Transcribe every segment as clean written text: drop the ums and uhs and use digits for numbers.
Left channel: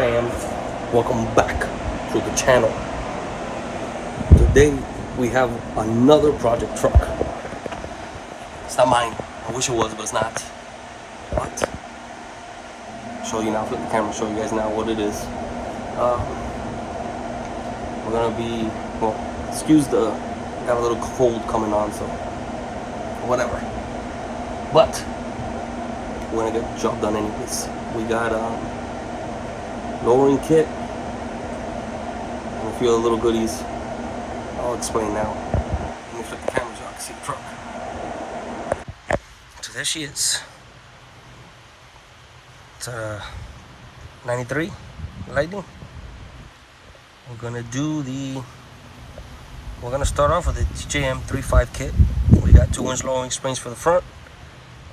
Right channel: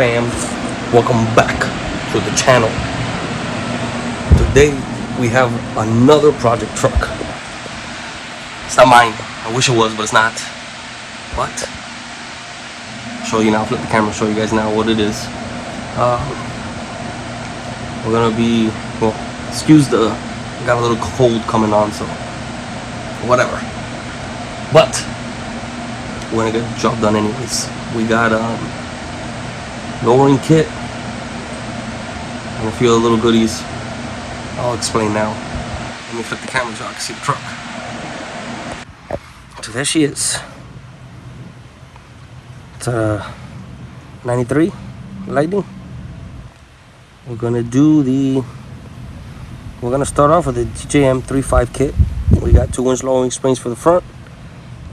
fam? Welcome back to the channel. Today we have another project truck. It's not mine. I wish it was, but it's not. But I'll show you now. Flip the camera. Show you guys now what it is. We're gonna be, well, excuse the, got a little cold coming on, so whatever. But we're gonna get the job done anyways. We got lowering kit and a few other little goodies. I'll explain now. Let me flip the camera so I can see the truck. So there she is. It's a 93 Lightning. We're gonna start off with the JM 3.5 kit. We got 2-inch lowering springs for the front,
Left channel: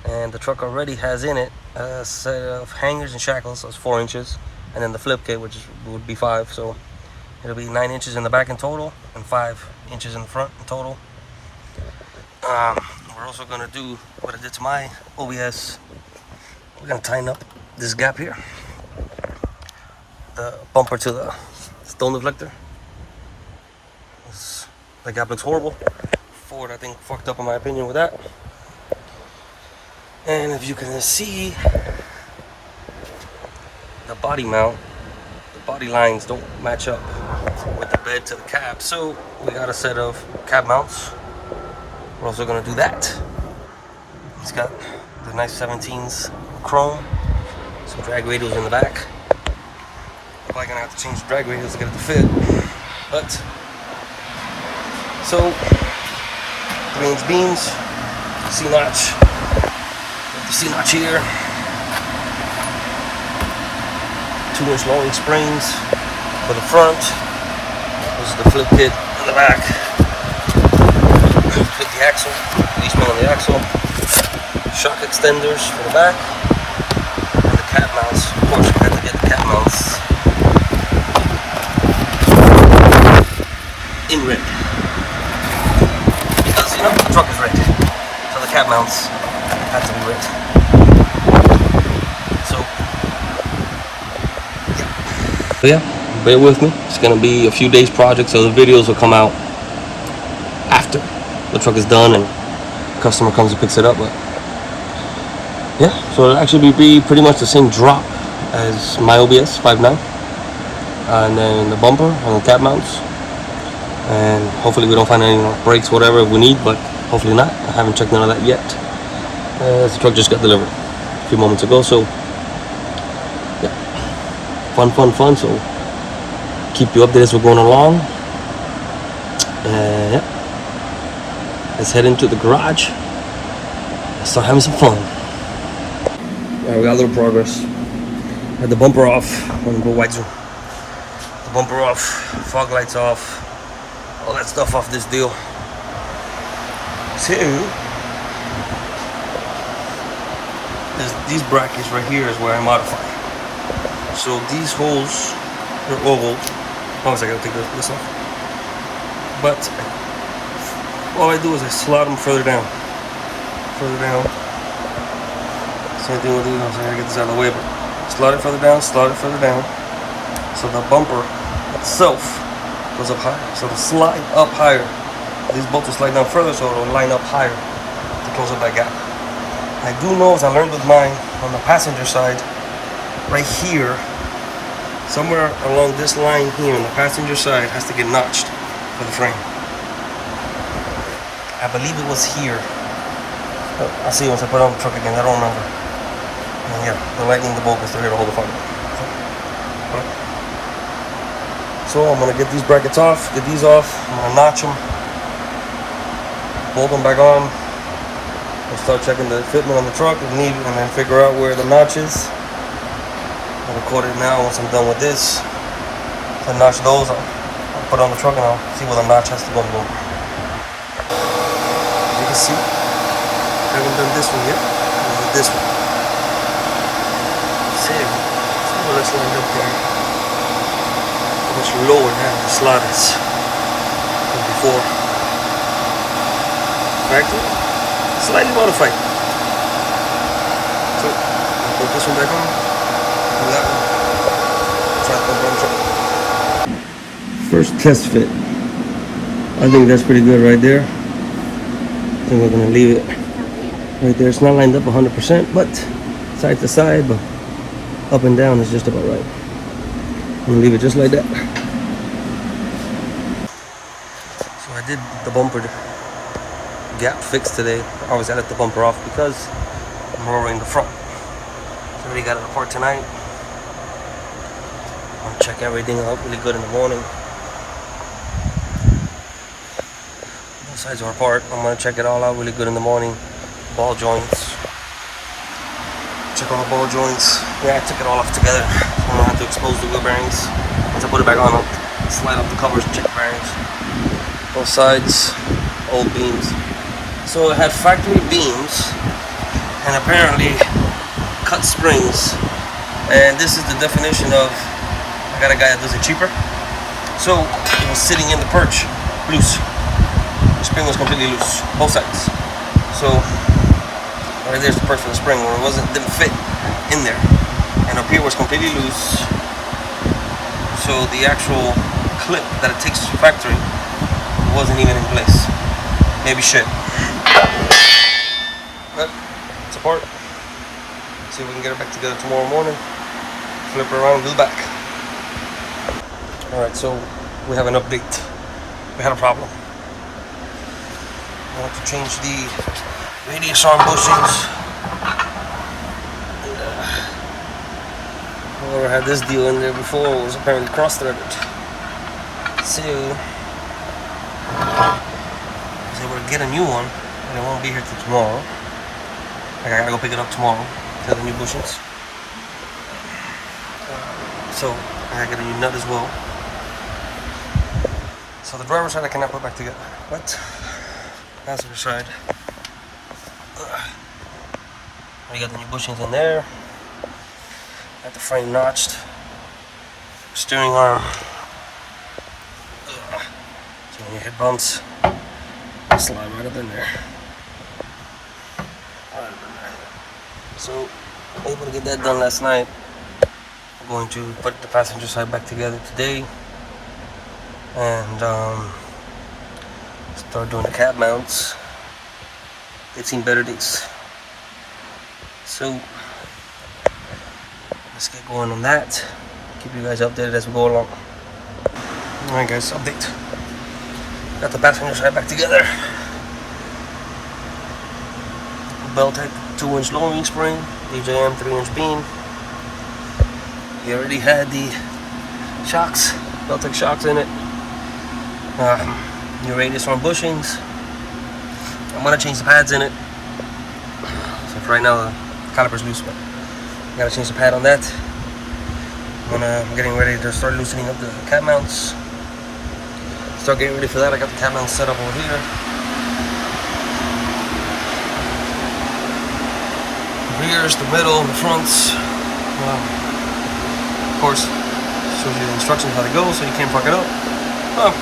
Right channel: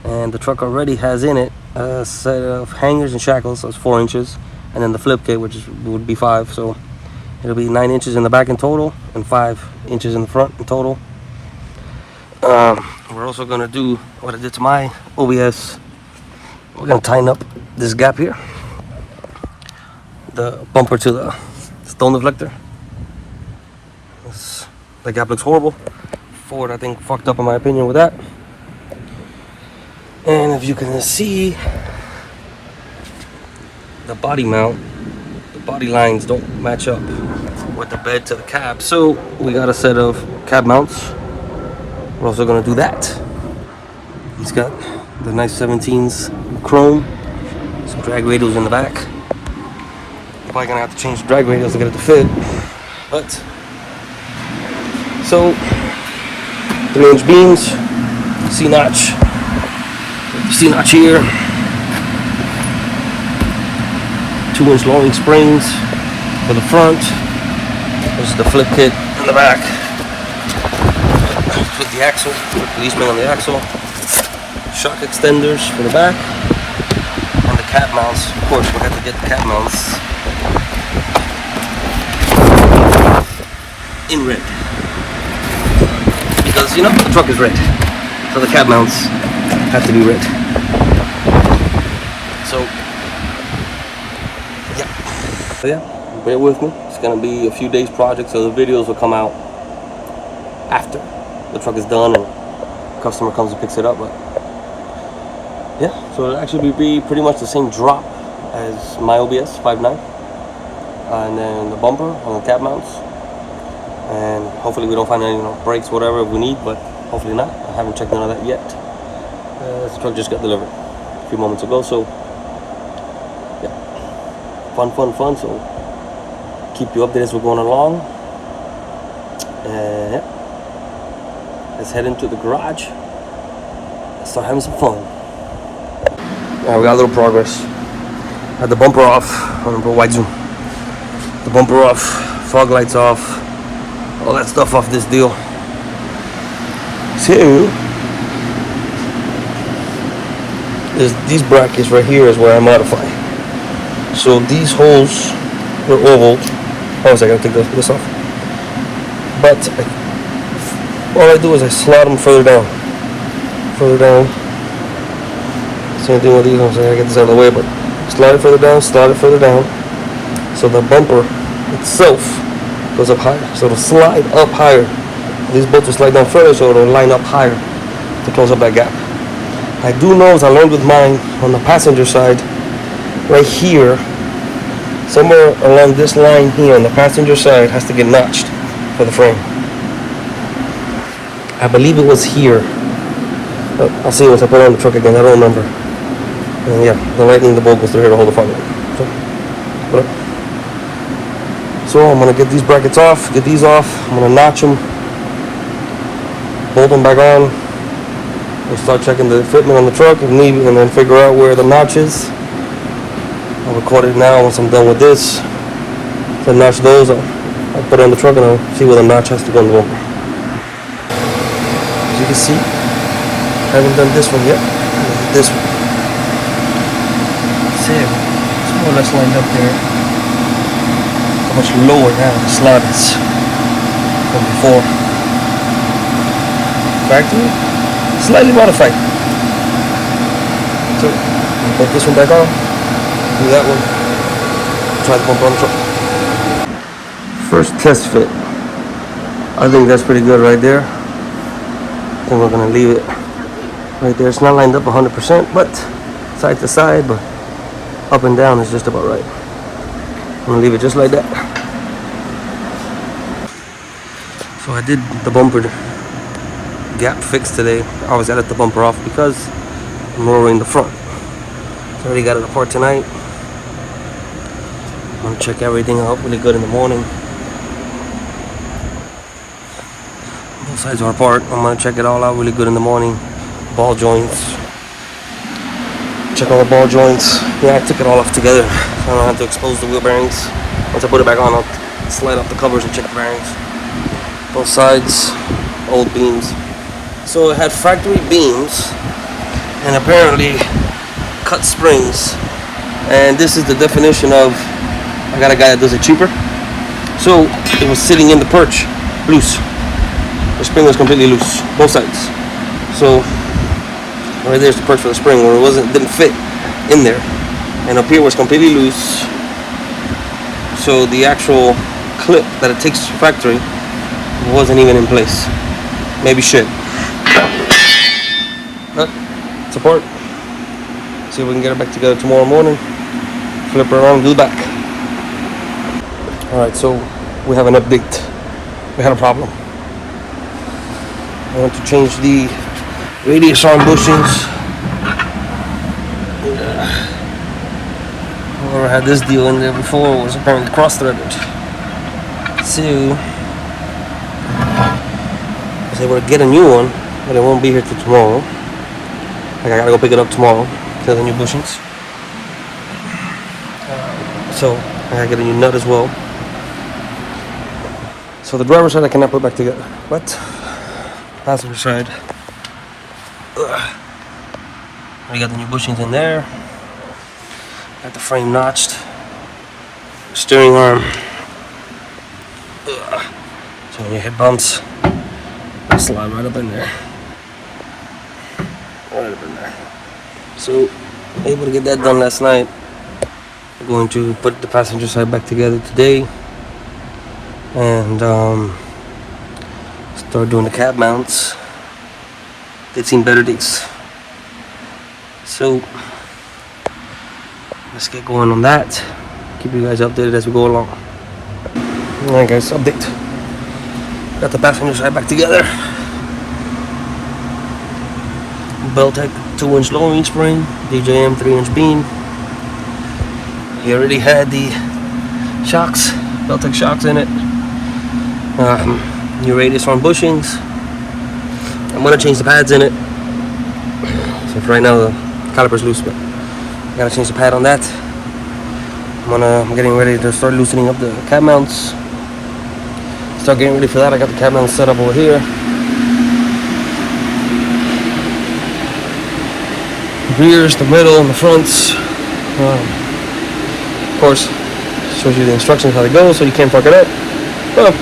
and the truck already has in it a set of hangers and shackles, so it's 4 inches, and then the flip kit, which would be 5, so it'll be 9 inches in the back in total and 5 inches in the front in total. We're also gonna do what I did to my OBS. We're gonna tighten up this gap here, the bumper to the stone deflector. The gap looks horrible. Ford, I think, fucked up in my opinion with that. And if you can see, the body mount, the body lines don't match up with the bed to the cab, so we got a set of cab mounts. We're also gonna do that. He's got the nice 17s chrome, some drag radials in the back. Probably gonna have to change the drag radials to get it to fit, but so 3-inch beams, C-notch here, 2-inch lowering springs for the front. This is the flip kit in the back. Fit the axle, policeman on the axle. Shock extenders for the back, and the cab mounts. Of course, we had to get the cab mounts in red, because you know the truck is red, so the cab mounts have to be red. So yeah, bear with me. It's gonna be a few days project, so the videos will come out after the truck is done and the customer comes and picks it up. But yeah, so it'll actually be pretty much the same drop as my OBS 5.9, and then the bumper and the cab mounts, and hopefully we don't find any brakes, whatever we need, but hopefully not. I haven't checked none of that yet. The truck just got delivered a few moments ago, so yeah, fun. So keep you updated as we're going along. Yeah, let's head into the garage and start having some fun. We got a little progress. Had the bumper off. I'm gonna go wide zoom. The bumper off, fog lights off, all that stuff off this deal. So these brackets right here is where I modify. So these holes were oval. Oh, I gotta take this off. But all I do is I slot them further down. Same thing with these. I'm saying I get this out of the way, but slide it further down. So the bumper itself goes up higher. So it'll slide up higher. These bolts will slide down further, so it'll line up higher to close up that gap. I do know, as I learned with mine, on the passenger side, right here, somewhere along this line here on the passenger side has to get notched for the frame. I believe it was here. I'll see once I put it on the truck again. I don't remember. And yeah, the lightning, the bolt goes through here to hold the front. So I'm gonna get these brackets off, get these off. I'm gonna notch them, bolt them back on. We'll start checking the fitment on the truck if need, and then figure out where the notch is. I'll record it now once I'm done with this. So I notch those, I'll put it on the truck and I'll see where the notch has to go in the bumper. As you can see, I haven't done this one yet. This one. See it? It's more or less lined up there. How much lower now the slot is from before. Factory, slightly modified. So, put this one back on, do that one, try the bumper on the truck. First test fit. I think that's pretty good right there. I think we're gonna leave it right there. It's not lined up 100%, but side to side, but up and down is just about right. I'm gonna leave it just like that. So I did the bumper gap fix today. I always edit the bumper off because I'm lowering the front. So I already got it apart tonight. I'm gonna check everything out really good in the morning. Both sides are apart. I'm gonna check it all out really good in the morning. Ball joints. Check all the ball joints. Yeah, I took it all off together, so I don't have to expose the wheel bearings. Once I put it back on, I'll slide off the covers and check the bearings. Both sides, old beams. So it had factory beams and apparently cut springs. And this is the definition of, I got a guy that does it cheaper. So it was sitting in the perch, loose. The spring was completely loose, both sides. So right there's the perch for the spring where it didn't fit in there. And up here was completely loose. So the actual clip that it takes factory wasn't even in place. Maybe shit. But it's apart. See if we can get it back together tomorrow morning. Flip it around and do the back. Alright, so we have an update. We had a problem. I want to change the radius arm bushings. I had this deal in there before, it was apparently cross-threaded. So I was able to get a new one, but it won't be here till tomorrow. Like I gotta go pick it up tomorrow, get the new bushings. So I gotta get a new nut as well. So the driver's side I cannot put back together, but passenger side, we got the new bushings in there. Got the frame notched. Steering arm. So when you hit bumps, it'll slide right up in there. Right up in there. So able to get that done last night. I'm going to put the passenger side back together today. And start doing the cab mounts. They've seen better days. So let's get going on that. Keep you guys updated as we go along. Alright guys, update. Got the passenger side back together. Bell-Tech 2-inch lowering spring, DJM 3-inch beam. He already had the shocks, Bell-Tech shocks in it. New radius arm bushings. I'm gonna change the pads in it. So for right now the caliper's loose, but I gotta change the pad on that. I'm getting ready to start loosening up the cab mounts. Start getting ready for that. I got the cab mounts set up over here. The rears, the middle, and the fronts. Of course, shows you the instructions how they go, so you can't fuck it up. Well,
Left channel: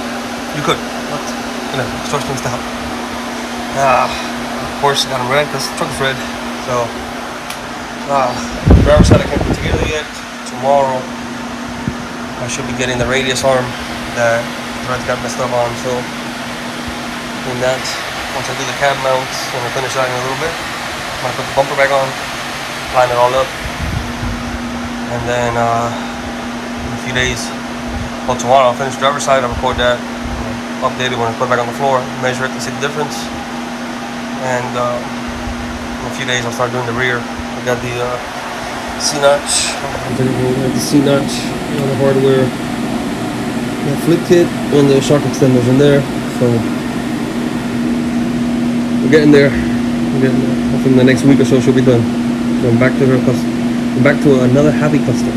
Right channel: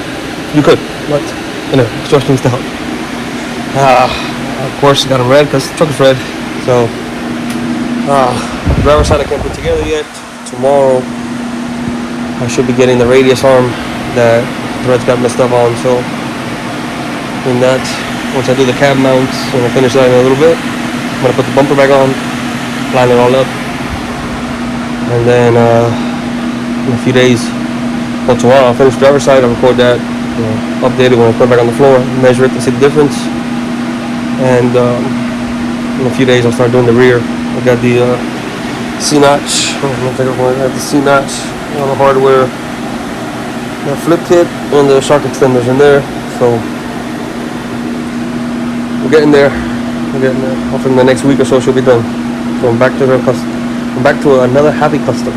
you could, but you know, instructions to help. Of course, got them red because the truck is red. So, the driver's side I can't put together yet. Tomorrow, I should be getting the radius arm that the threads got messed up on. So, in that, once I do the cab mounts and I finish that in a little bit, I'm gonna put the bumper back on, line it all up, and then in a few days, well, tomorrow I'll finish the driver's side. I'll record that, update it when I put it back on the floor, measure it and see the difference. And in a few days I'll start doing the rear. I got the C-notch. I have the C-notch on the hardware. The flip kit and the shock extenders in there. So we're getting there. Hopefully in the next week or so she'll be done. So I'm back to another happy customer.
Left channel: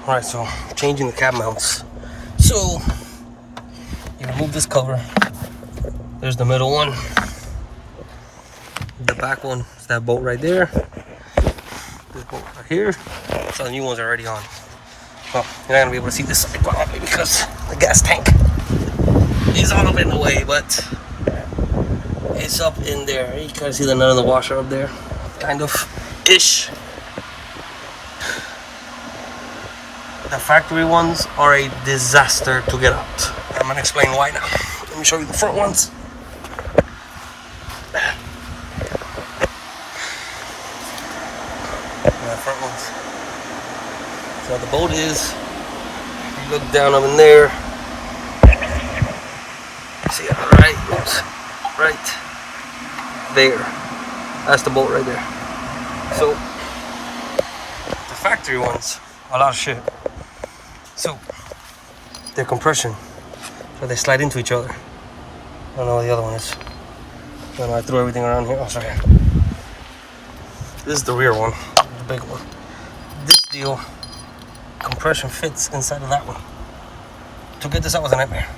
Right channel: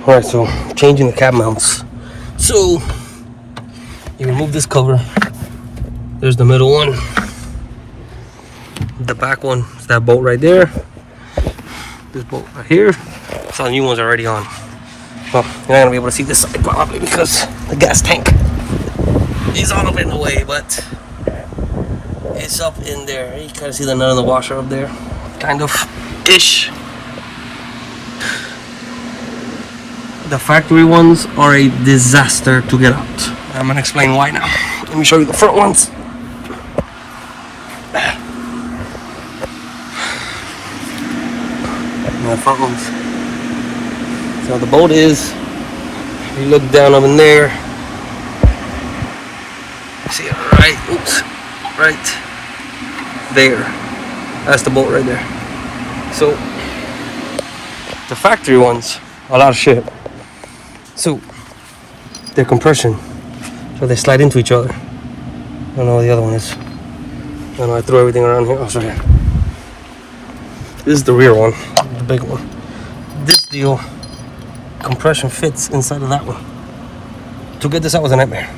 Alright, so changing the cab mounts. So you remove this cover. There's the middle one. The back one is that bolt right there. This bolt right here. So the new one's already on. Well, you're not gonna be able to see this side probably because the gas tank is all up in the way, but it's up in there. You can see the nut of the washer up there, kind of ish. The factory ones are a disaster to get out. I'm gonna explain why now. Let me show you the front ones. And the front ones. So the bolt is, if you look down up in there, see on the right, oops, right there. That's the bolt right there. So the factory ones, a lot of shit. So they're compression, so they slide into each other. I don't know what the other one is. I don't know, I threw everything around here. Oh, sorry. This is the rear one, the big one. This deal, compression fits inside of that one. To get this out was a nightmare,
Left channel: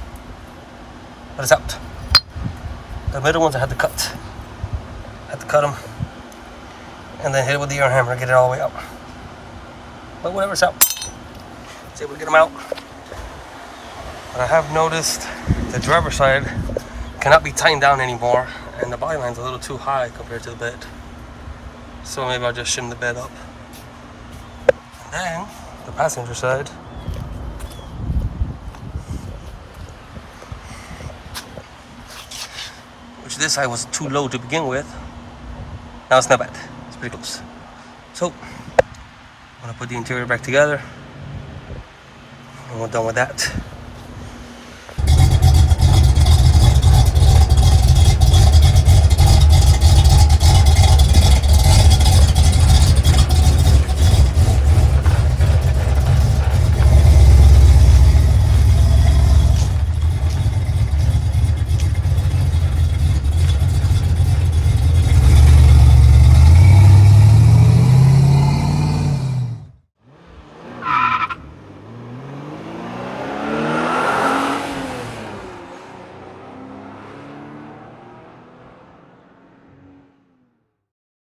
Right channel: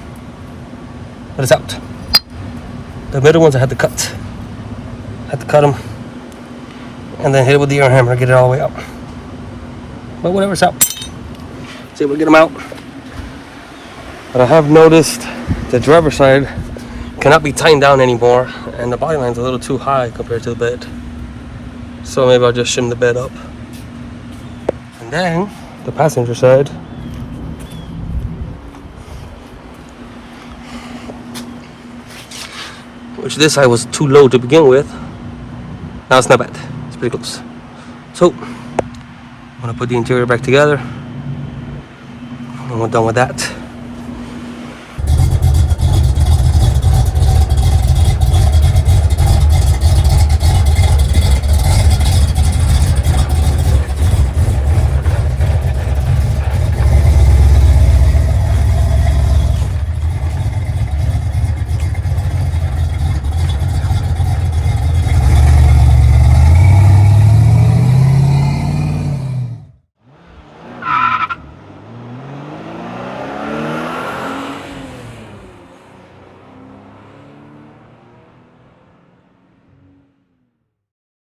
but it's out. The middle ones I had to cut. Had to cut them, and then hit it with the air hammer, get it all the way out. But whatever, it's out. See if we get them out. But I have noticed the driver's side cannot be tightened down anymore, and the body line's a little too high compared to the bed. So maybe I'll just shim the bed up. And then the passenger side, which this side was too low to begin with. Now it's not bad. It's pretty close. So I'm gonna put the interior back together, and we're done with that.